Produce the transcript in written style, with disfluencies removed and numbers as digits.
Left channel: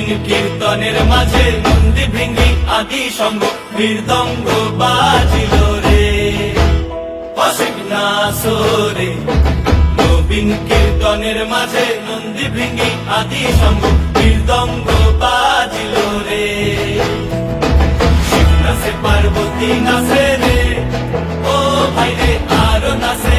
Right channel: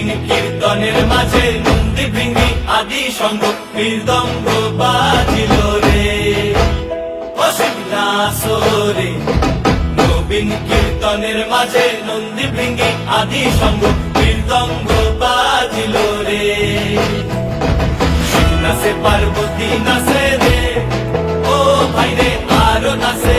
নবীন কীর্তনের মাঝে নন্দী ভৃঙ্গি আদি সঙ্গ মৃদঙ্গ বাজিল রে, অসীম নাসরে। নবীন কীর্তনের মাঝে নন্দী ভৃঙ্গি আদি সঙ্গ মৃদঙ্গ বাজিল রে। শিব নাচে পার্বতী নাচে রে, ও ভাই রে আরো নাচে